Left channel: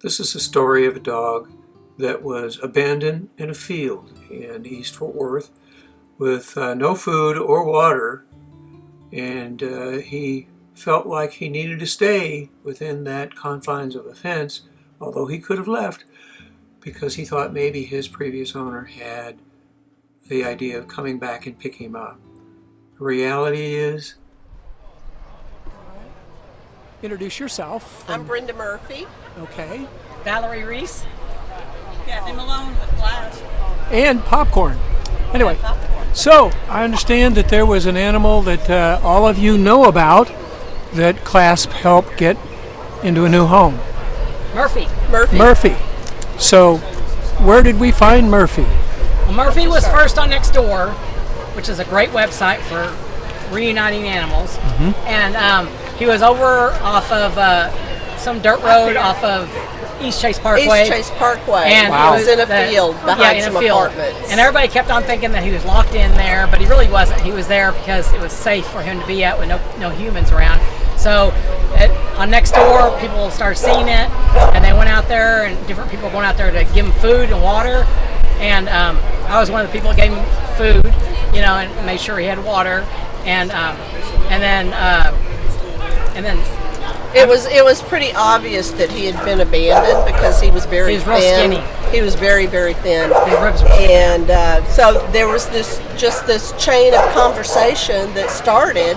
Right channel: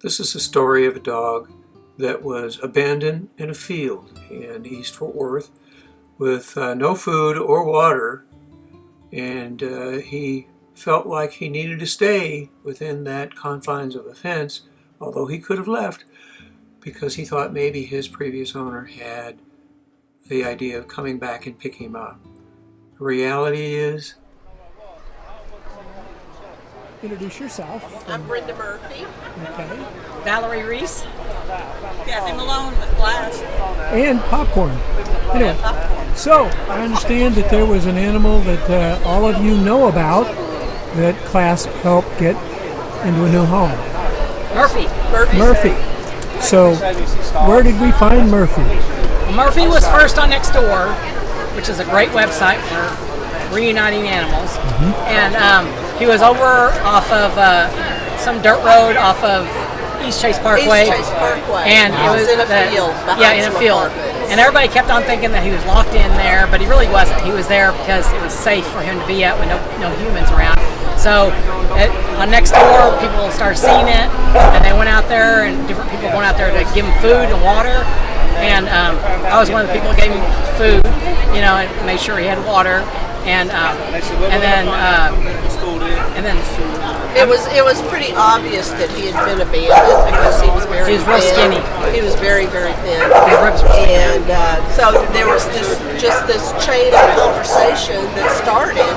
This is a story of a dog that was abandoned in a field in East Fort Worth with no food or water, and he felt like he needed to stay within that confines of a fence, although he could have left because he thought maybe his previous owner had the idea of coming back and picking him up. The reality is... Introduce yourself. I'm Brenda Murphy. Okay. Valerie Reese. Kathy Malone with Glass. And Popcorn. Anyway, so I understand that there was an animal that all of you know about that Clasp helped get into a new home. Murphy. Murphy. So where did we find Murphy? Well, Murphy was first on Nextdoor, which is a great website for reuniting animals. Mm-hmm. And he was over off of some dirt road off of East Chase Parkway. East Chase Parkway. And he was in a field behind some apartments. And everybody kept on thinking that he was locked in there, but he really wasn't. He was there because it was safe for him to be at with no humans around. So on Nextdoor, people started seeing it, and they went out there, and different people going out there to give him food and water. And I was one of the people that gave him food, and made sure he had water. And then it was pretty obvious that he had been abandoned because he was very thin. Real skinny. He was very, very thin. His ribs were skinny. And so there was this chain of conversation that started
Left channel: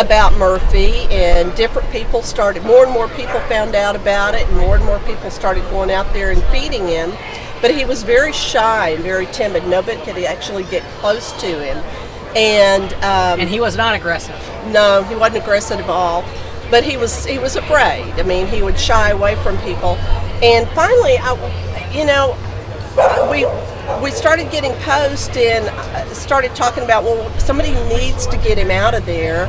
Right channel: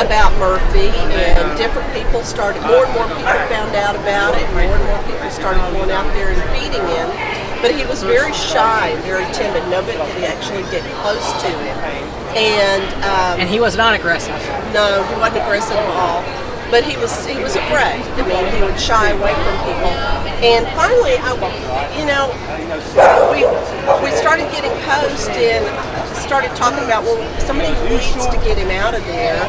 about Murphy, and different people started. More and more people found out about it, and more people started going out there and feeding him. But he was very shy and very timid. Nobody could actually get close to him. And he was not aggressive. No, he wasn't aggressive at all. But he was afraid. I mean, he would shy away from people. And finally, we started getting posts and started talking about, well, somebody needs to get him out of there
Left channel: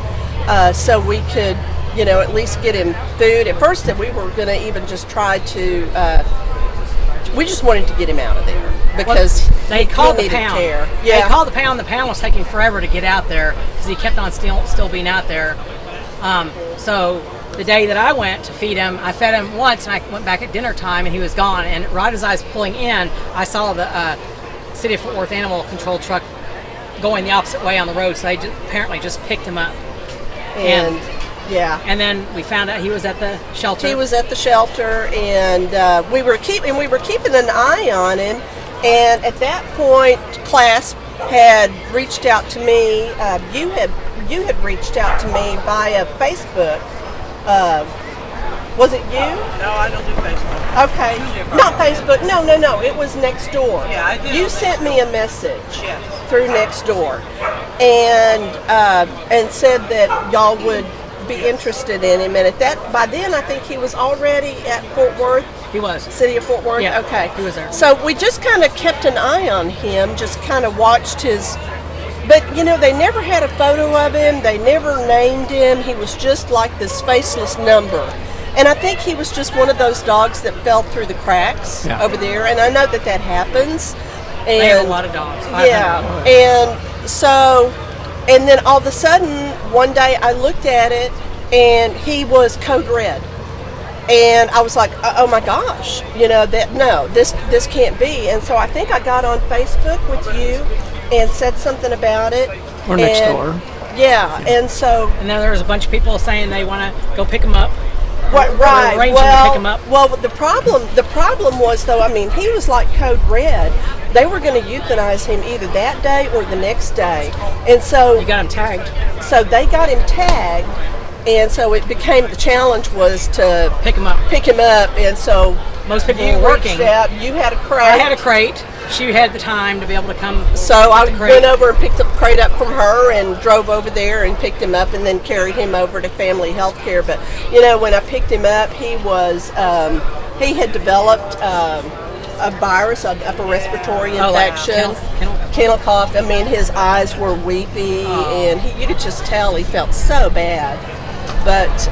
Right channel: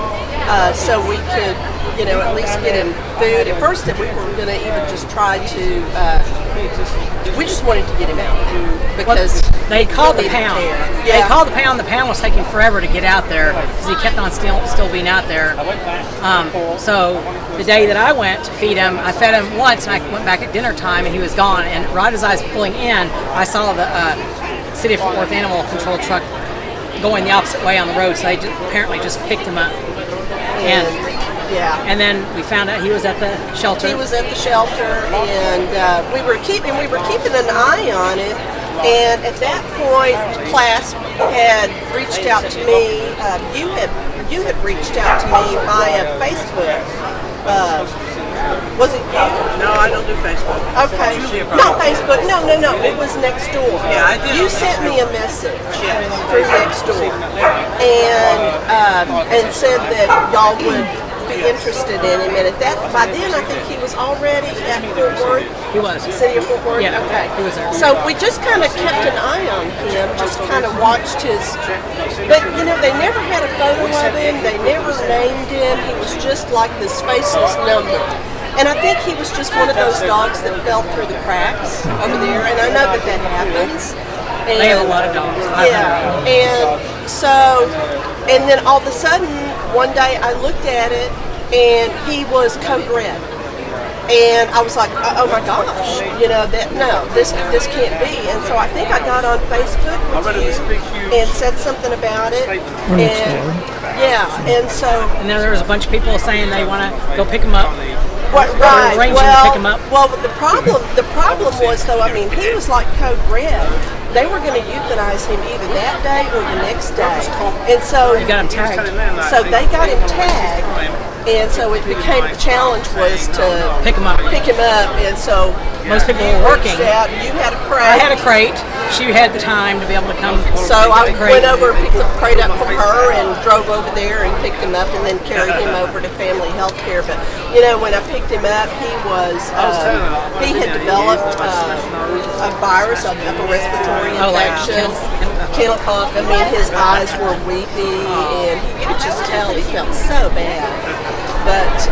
so we could, at least get him food. At first, that we were going to even just try to. We just wanted to get him out of there because they called the pound. Yeah. They called the pound. The pound was taking forever to get out there because he kept on still being out there. So the day that I went to feed him, I fed him once, and I went back at dinner time, and he was gone. And right as I was pulling in, I saw the City of Fort Worth Animal Control truck going the opposite way on the road. So they apparently just picked him up. And then we found out he was at the shelter. He was at the shelter, and we were keeping an eye on him. And at that point, Clasp had reached out to me. You had reached out to me via Facebook. Was it you? No, I don't do Facebook. Okay, not Facebook. No. It was Nextdoor. Yeah, I did. You sent me a message Yes. through Nextdoor, and said that y'all would be interested in him, and by then I think he was already at Fort Worth. He was. City of Fort Worth? Yeah, okay. he was there. So we just kind of kept an eye on him, just kind of watched his, but they never had a photo of him, they never named him, he was just like this faceless number. And I think he was just one of those dogs that fell through the cracks over there, and I know that happens. And they have a lot of dogs. Yeah, and then all of a sudden, one day I looked at it, and he was code red. And I was like, oh my gosh, this can't be. And so I think I got on Facebook with you and said something about it. And then there was a bunch of people saying they want to go pick him up. Right. Arranging to pick him up. Well, the problem was, though, I mean, he was like code red. They were going to euthanize him either that day or the next day. And so you got him tagged. So they got him tagged, and so it became the challenge was to pick him up. And so most people were working. You had a crate. I had a crate. She had the time to be able to come. So I went over and picked the crate up from her and drove over there and picked him up and then carried him over to Family Health Care. But when I picked him up, he had developed a virus, an upper respiratory infection, kennel cough. I mean, his eyes were weepy, and you could just tell he felt so bad. But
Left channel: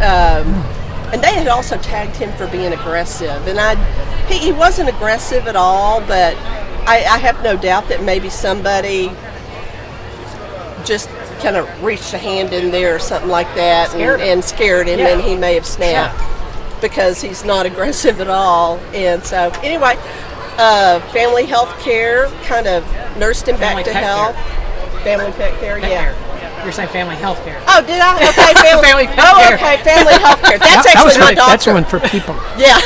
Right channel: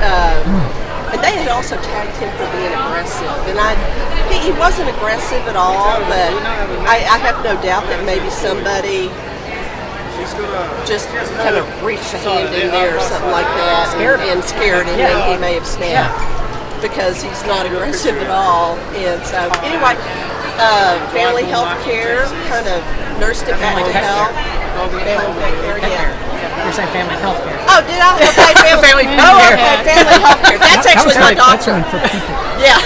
and they had also tagged him for being aggressive, and he wasn't aggressive at all. But I have no doubt that maybe somebody just kind of reached a hand in there or something like that and scared him, and he may have snapped. because he's not aggressive at all. And so anyway, family health care kind of nursed him back Family to pet health. Family pet care, Pet yeah. care. You're saying family health care. Oh, did I? Okay, Family pet oh, care. okay, family health care. That's actually my doctor. Yeah.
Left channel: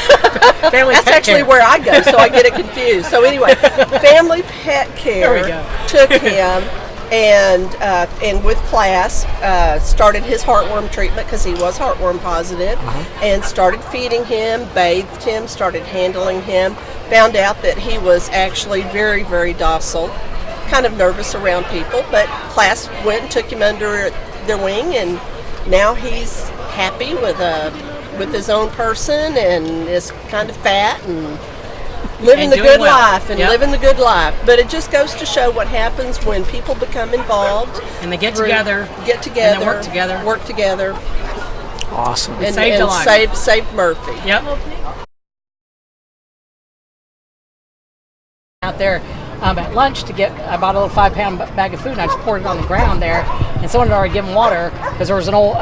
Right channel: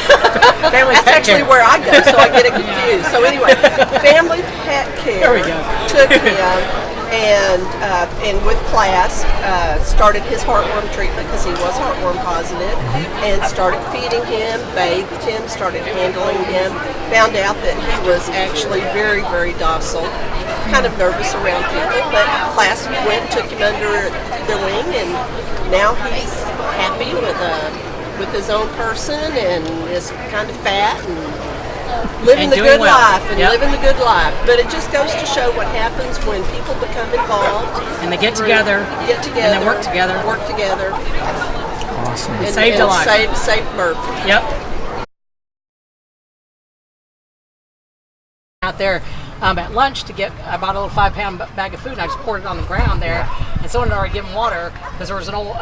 Family That's pet actually care. where I go, so I get it confused. So anyway, family pet care There we go. took him and with class started his heartworm treatment because he was heartworm positive, and started feeding him, bathed him, started handling him. Found out that he was actually very, very docile, kind of nervous around people, but class went and took him under their wing, and now he's happy with his own person, and is kind of fat and living And the doing good well. life and Yep. living the good life. But it just goes to show what happens when people become involved And they get together. and they work together. work together, Awesome. and, saved a and life. saved Murphy. Yep. Out there at lunch to get, I bought a little 5-pound bag of food, and I just poured it on the ground there, and someone had already given water because there was an old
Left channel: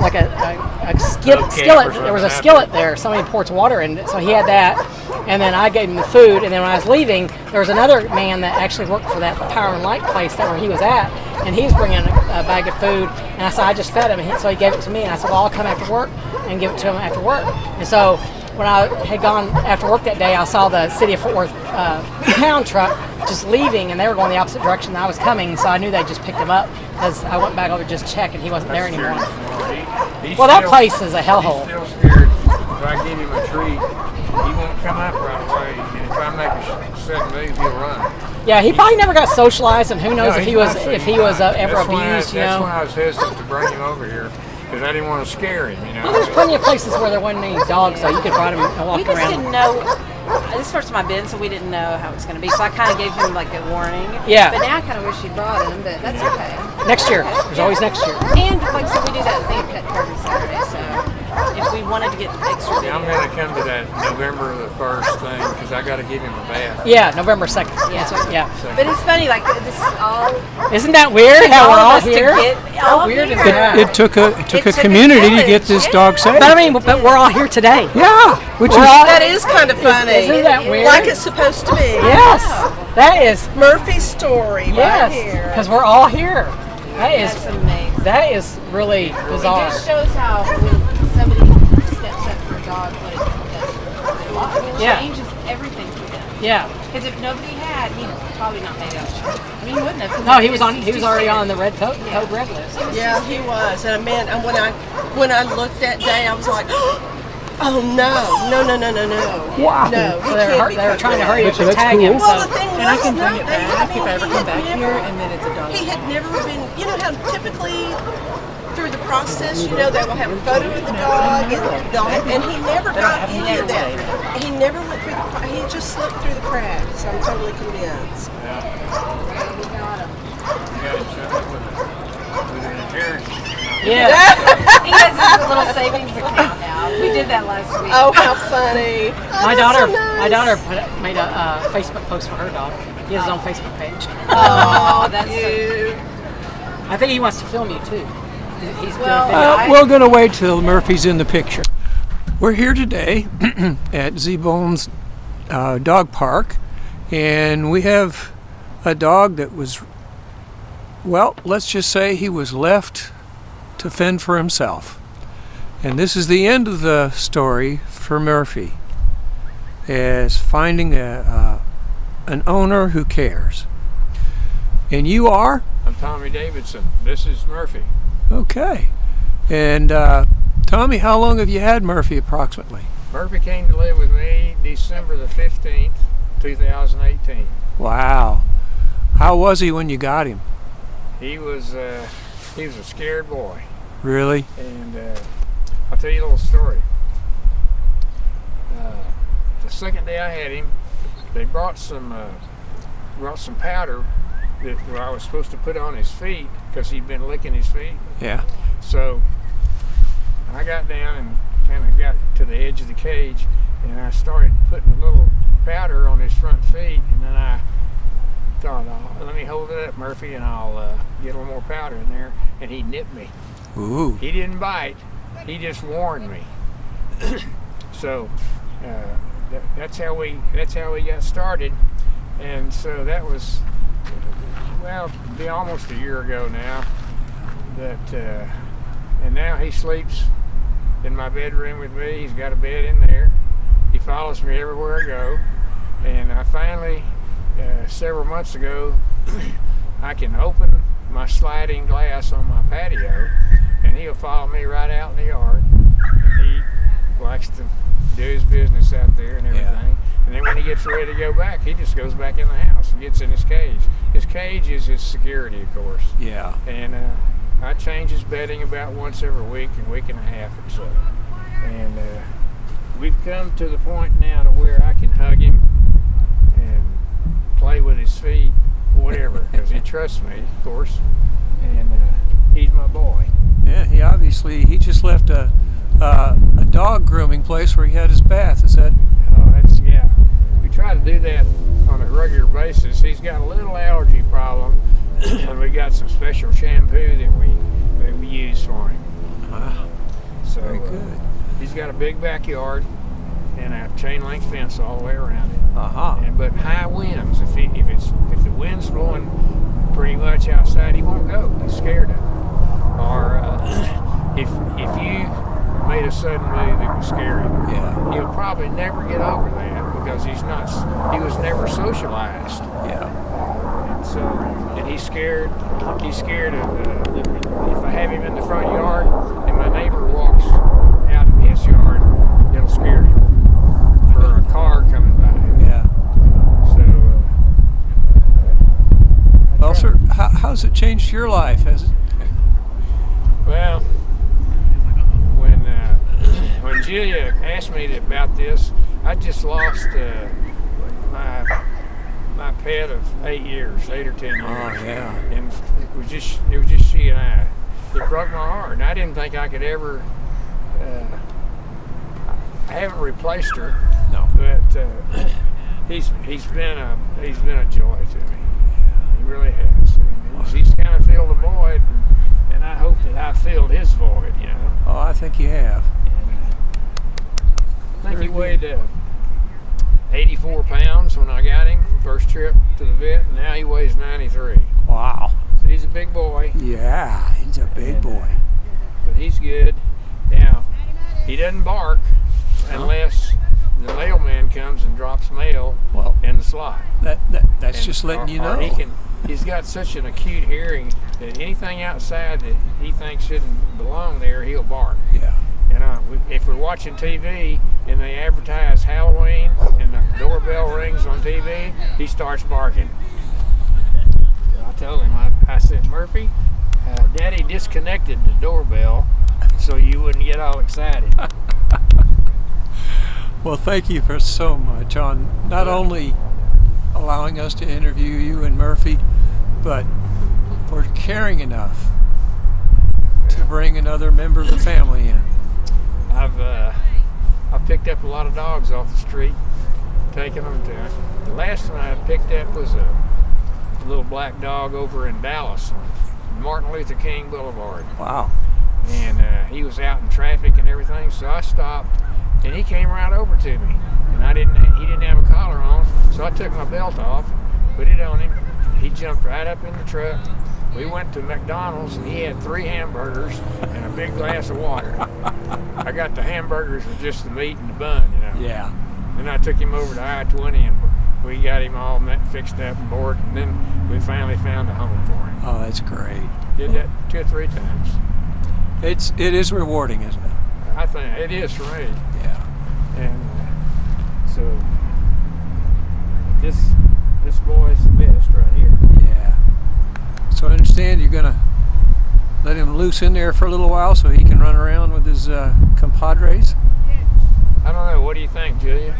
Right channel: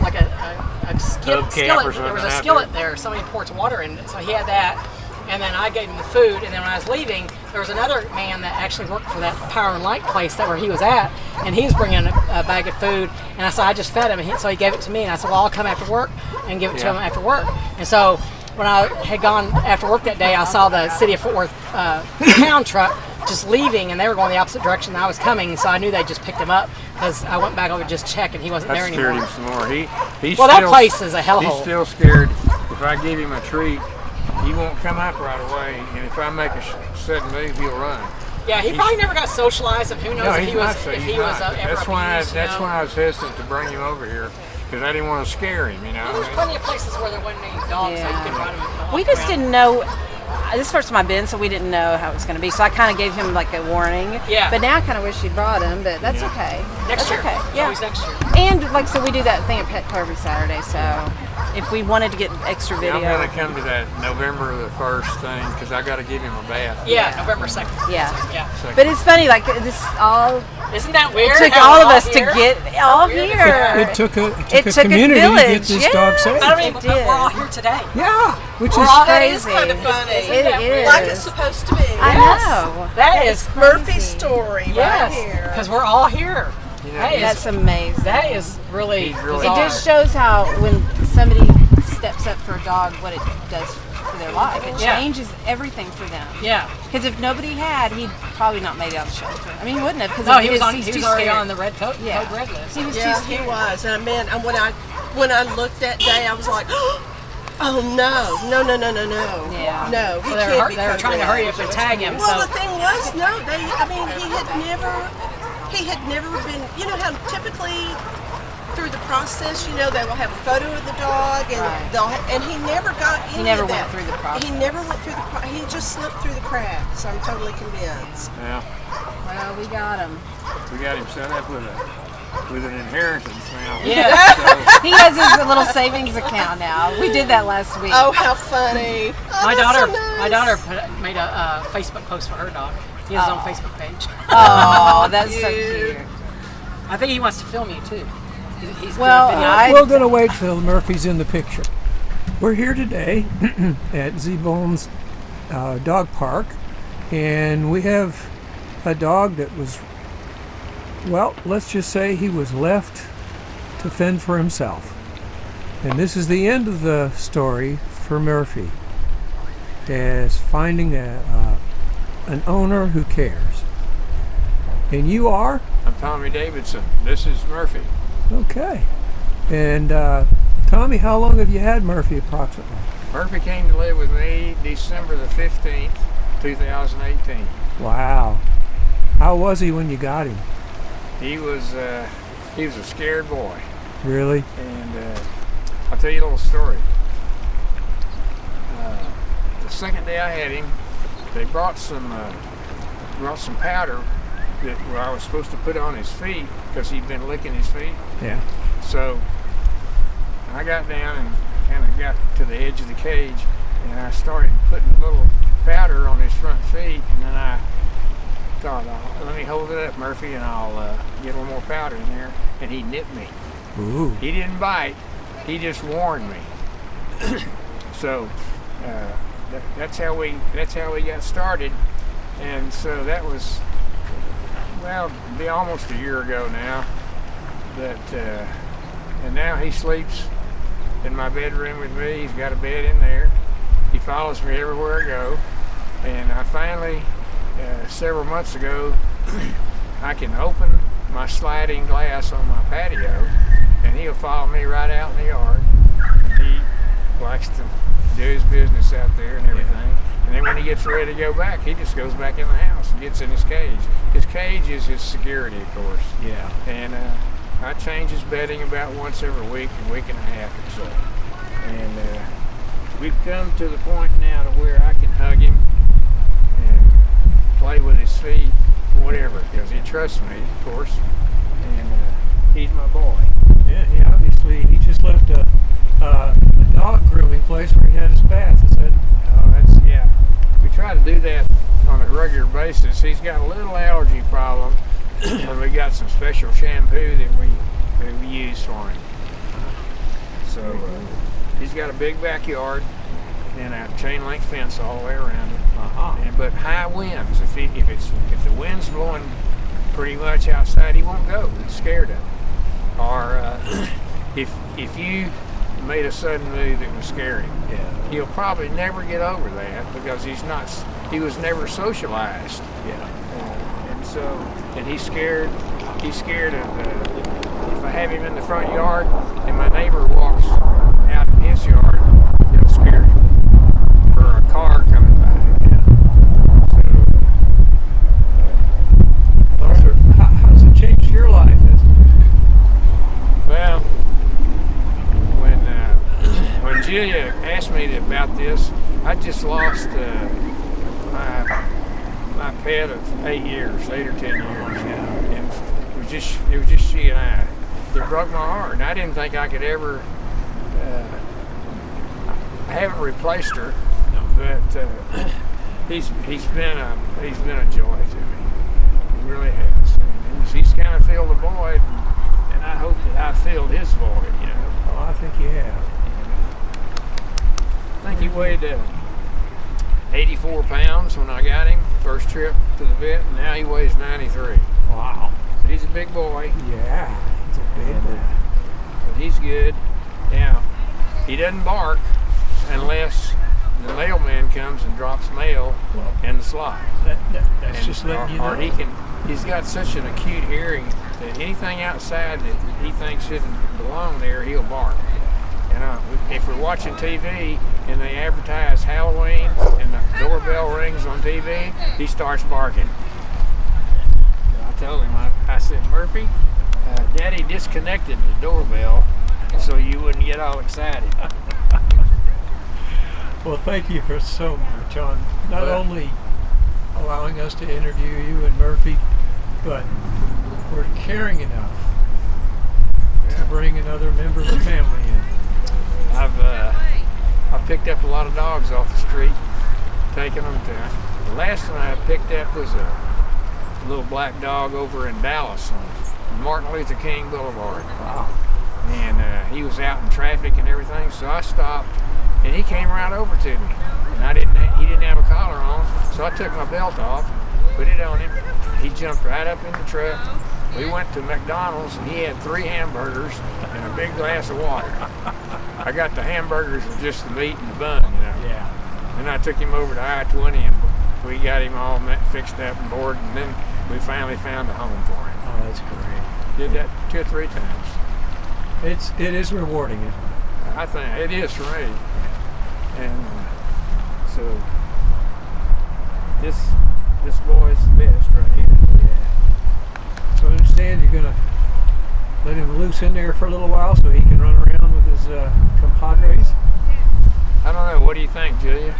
like a skillet. There was a skillet there. Somebody poured some water in it, so he had that. And then I gave him the food, and then when I was leaving, there was another man that actually worked for that Power and Light place that where he was at, and he was bringing a bag of food, and I said, I just fed him, and so he gave it to me, and I said, well, I'll come after work and give it to him after work. And so when I had gone after work that day, I saw the City of Fort Worth pound truck just leaving, and they were going the opposite direction that I was coming, so I knew they just picked him up because I went back over to just check, and he wasn't there anymore. That scared him some more. He's Well, that still- place is a hellhole. He's still scared. If I give him a treat, he won't come up right away, and if I make a sudden move, he'll run. Yeah, he probably never got socialized, and who knows if he's he was not, so if he's he was not. ever That's why abused. You That's know, why I was hesitant to bring him over here, because I didn't want to scare him. well, there's plenty of places where there wasn't any dogs, so you could ride him and walk We just around. didn't know. This is the first time I've been, so we didn't know how it was going to be. So I kind of gave him like a warning. Yeah. But now I kind of wish you'd brought him, but that's okay. Next year, Okay, there's yeah. always next year. And like so, we do that thing at Petco every Saturday. So if we wanted to get extra video, I'm going to come to that November the 1st thing, because I got to give him a bath. Yeah, November 2nd. Yeah. That's what- yeah. Second. but it's funny, like this all Isn't that weird? took how all we're of us here? to get all weird is here. that? It took a It took a community to get village, this yeah. dog saved. But I mean, It but did. we're all here today. Yeah, which We're is all, That is kind of funny. Isn't that It weird? is. Like it's supposed to be. Yes, know. that is. Murphy's story right Yes, here. because we're all here. That That's is amazing. that is really It bizarre. just shows how when somebody steps up for a dog, what it does for their life. It Yeah. changes everything for them. Yeah. Because if nobody had, he'd probably not made it on the show. I mean, he wouldn't have. 'cause No, he was on. he's He was too already scared. on the red code Yeah. red list. He was Yeah, too he scared. was. And man, and when I looked that day, I was like, oh no, no, no, no, no, no. Wow. No, he So can't be they were come trying to back. hurry up and tag him. Well, So the thing was, no, he had never been, you know how typically through the process, you know, they will have a photo of the dog, and he never got any never of that. went through the process. He never went through he just slipped through the cracks. I'm totally convinced. Yeah, Well, we got him. we got him set up with an inheritance now. yeah, He has his little savings account now. We did that last week. Oh, how funny! Oh, my that's daughter, so nice. my daughter made a Facebook post for her dog. He has his own Facebook page. Oh, that's so Cute. cute. I think he wants to film you too. He's Well, doing a video. I- We're going to wait till Murphy's in the picture. We're here today at Z-Bones Dog Park, and we have a dog that was, well, let's just say he was left to fend for himself. And this is the end of the story for Murphy, as finding an owner who cares. And you are? I'm Tommy Davidson. This is Murphy. Okay. And Tommy, how long have you had Murphy approximately? Murphy came to live with me December the 15th, 2018. Wow. How was he when you got him? He was a scared boy. Really? And I'll tell you a little story. The second day I had him, they brought some powder that I was supposed to put on his feet because he'd been licking his feet. Yeah. So I got down and kind of got to the edge of the cage, and I started putting a little powder on his front feet, and then I thought, let me hold it up, Murphy, and I'll get a little more powder in there. And he nipped me. Ooh. He didn't bite. He just warned me. So that's how we got started, and so that was, well, it'll be almost a year ago now. But and now he sleeps in my bedroom with me. He's got a bed in there. He follows me everywhere I go. And I finally, several months ago, I can open my sliding glass on my patio, and he'll follow me right out in the yard. And he likes to do his business out there and everything. Yeah. And then when he gets ready to go back, he just goes back in the house and gets in his cage. His cage is his security, of course. Yeah. And I change his bedding about once every week and a half or so. And we've come to the point now to where I can hug him and play with his feet, whatever, because he trusts me, of course. And he's my boy. Yeah, he just left a dog grooming place where he had his bath. Is that? Oh, yeah. We try to do that on a regular basis. He's got a little allergy problem, and we got some special shampoo that we use for him. So he's got a big backyard and a chain link fence all the way around it. But high winds. If the wind's blowing pretty much outside, he won't go. He's scared of it. Or if you made a sudden move that would scare him, Yeah. he'll probably never get over that because he was never socialized. Yeah. And he's scared. He's scared of if I have him in the front yard and my neighbor walks out in his yard, it'll scare him. Or a car coming by. Yeah. So. Well, sir, how's it changed your life? Well, when Julia asked me about this, I just lost my pet of 8 years, 8 or 10 years. Yeah. And it was just she and I. It broke my heart, and I didn't think I could ever. I haven't replaced her, No. but he's been a joy to me. He really has. And he's kind of filled a void, and I hope that I filled his void. You know. Oh, I think you have. I think he weighed 84 pounds when I got him first trip to the vet, and now he weighs 93. Wow. So he's a big boy, Yeah. He's a big and boy. but he's good. Now he doesn't bark unless the mailman comes and drops mail Well, in the slot. that's just letting you know. Or he's got such an acute hearing that anything outside that he thinks shouldn't belong there, he'll bark. Yeah. And if we're watching TV and they advertise Halloween and the doorbell rings on TV, he starts barking. So I told him, I said, Murphy, Daddy disconnected the doorbell so you wouldn't get all excited. Well, thank you for so much on not Well- only allowing us to interview you and Murphy, but for caring enough to bring another member of the family in. I've picked up a lot of dogs off the street, taking them to. The last one I picked up was a little black dog over in Dallas on Martin Luther King Boulevard. Wow. And he was out in traffic and everything, so I stopped, and he came right over to me, and he didn't have a collar on, so I took my belt off, put it on him. He jumped right up in the truck. We went to McDonald's, and he had 3 hamburgers and a big glass of water. I got the hamburgers with just the meat and the bun, you know. Yeah. Then I took him over to I-20, and we got him all fixed up and boarded, and then we finally found a home for him. Oh, that's great. Did that 2 or 3 times. It is rewarding, isn't it? I think it is for me. And so this boy's the best right here. Yeah. So I understand you're gonna let him loose in there for a little while so he can run around with his compadres. I don't know. What do you think, Julia?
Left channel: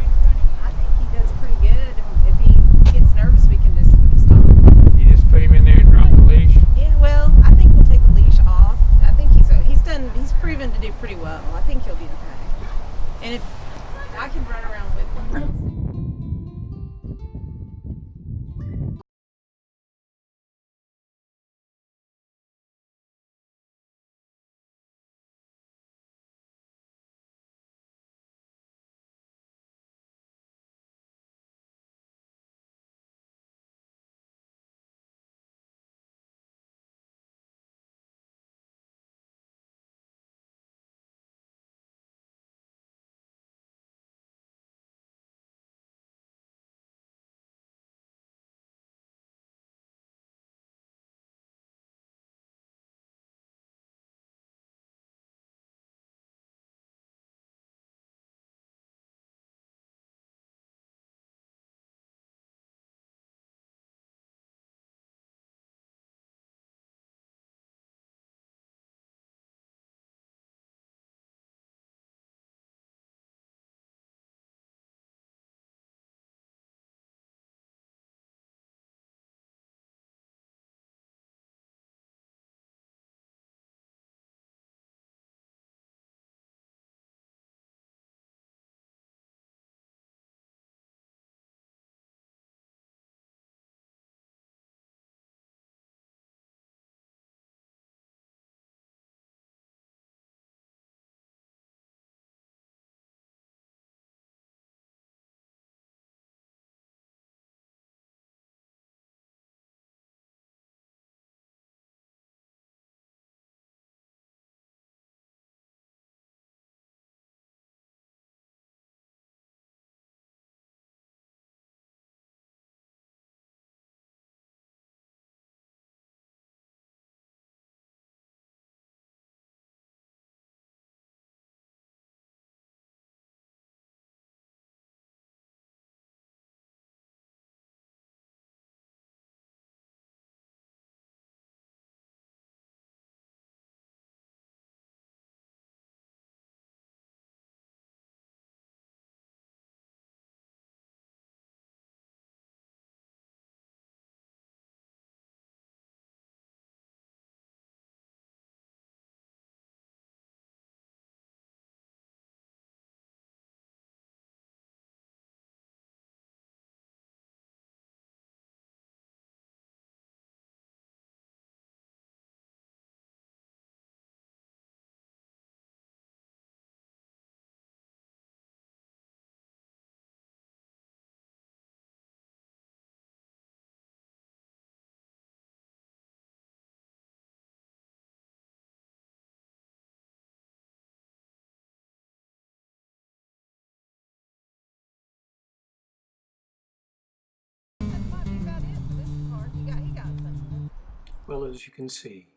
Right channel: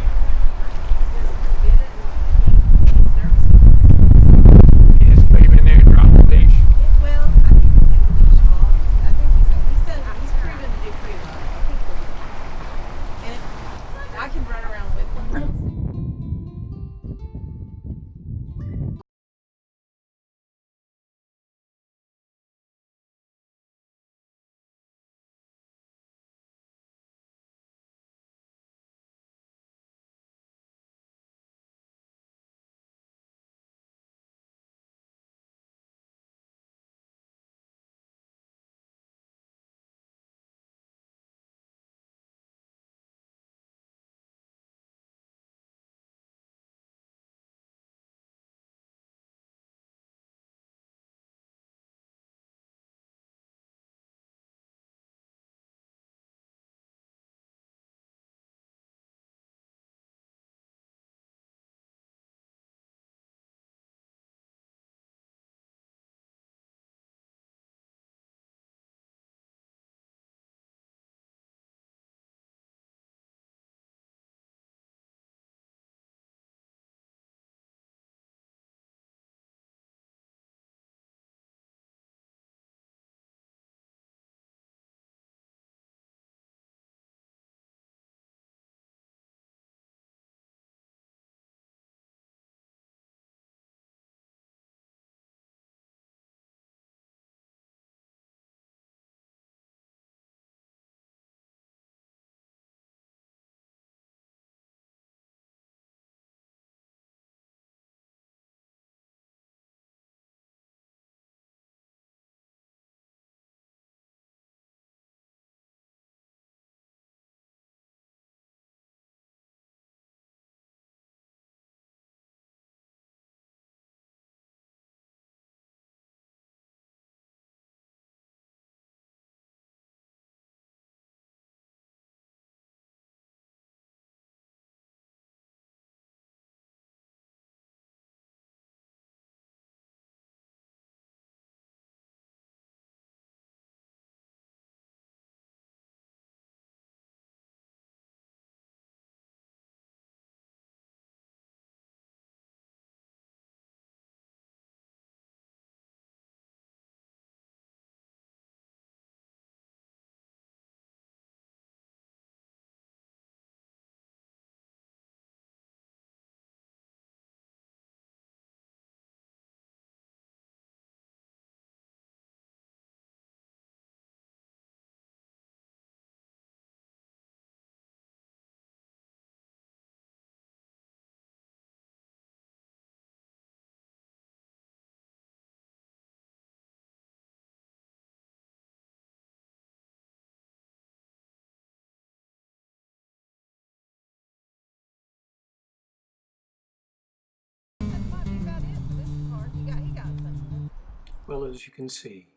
Well, as you can see,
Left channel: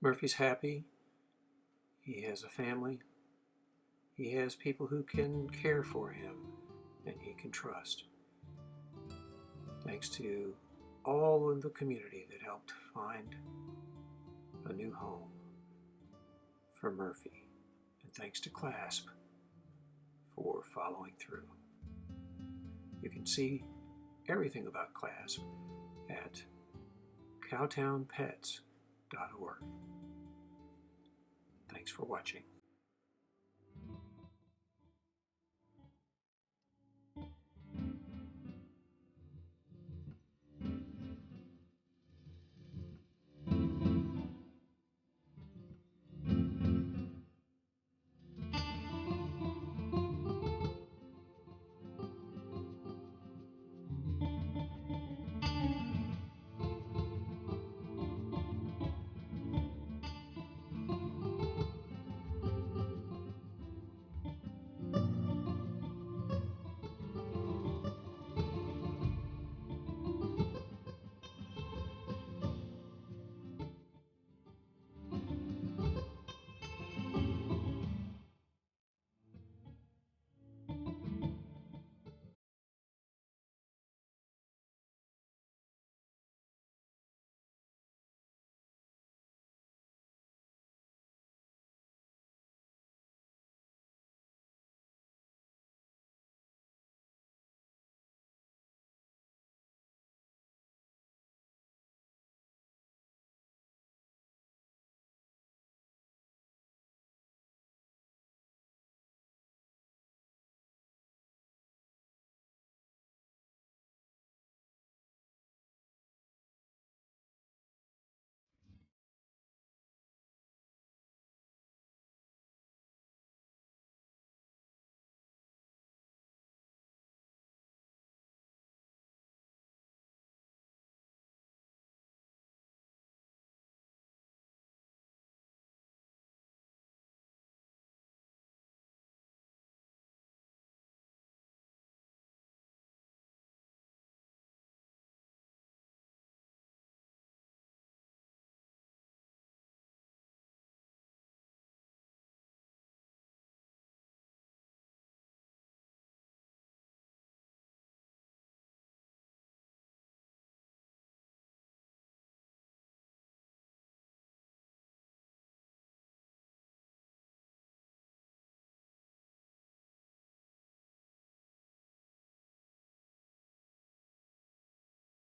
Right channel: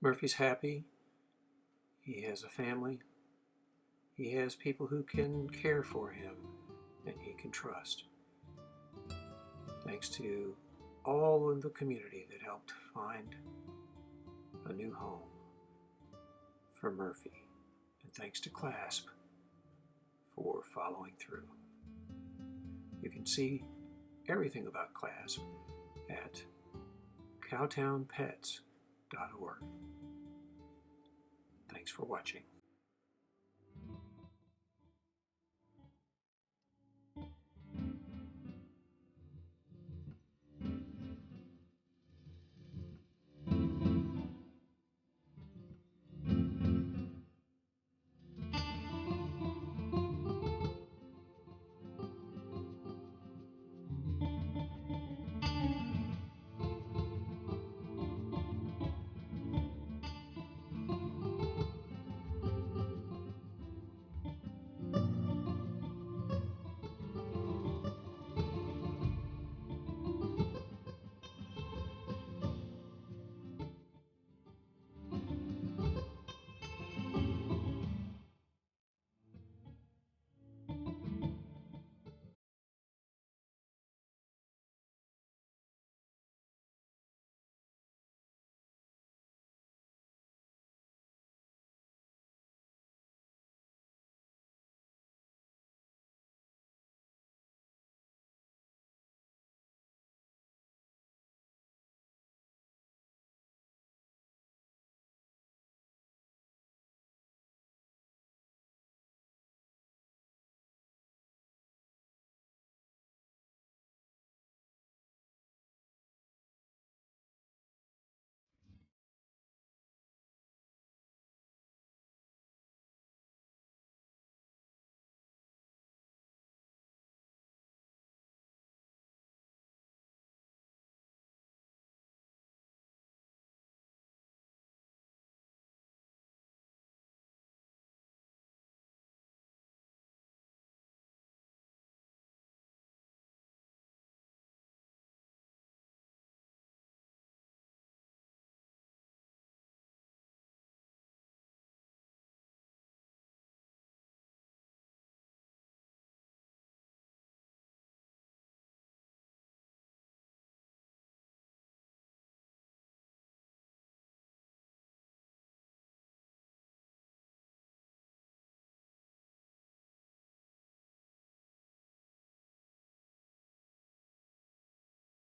Murphy's happy. He has a family. He has people who can care for him and he can trust. Thanks to all of the community that helped find a new home for Murphy. And thanks to CLASP for following through. You can see everything about CLASP at cowtownpets.org. Thanks for watching.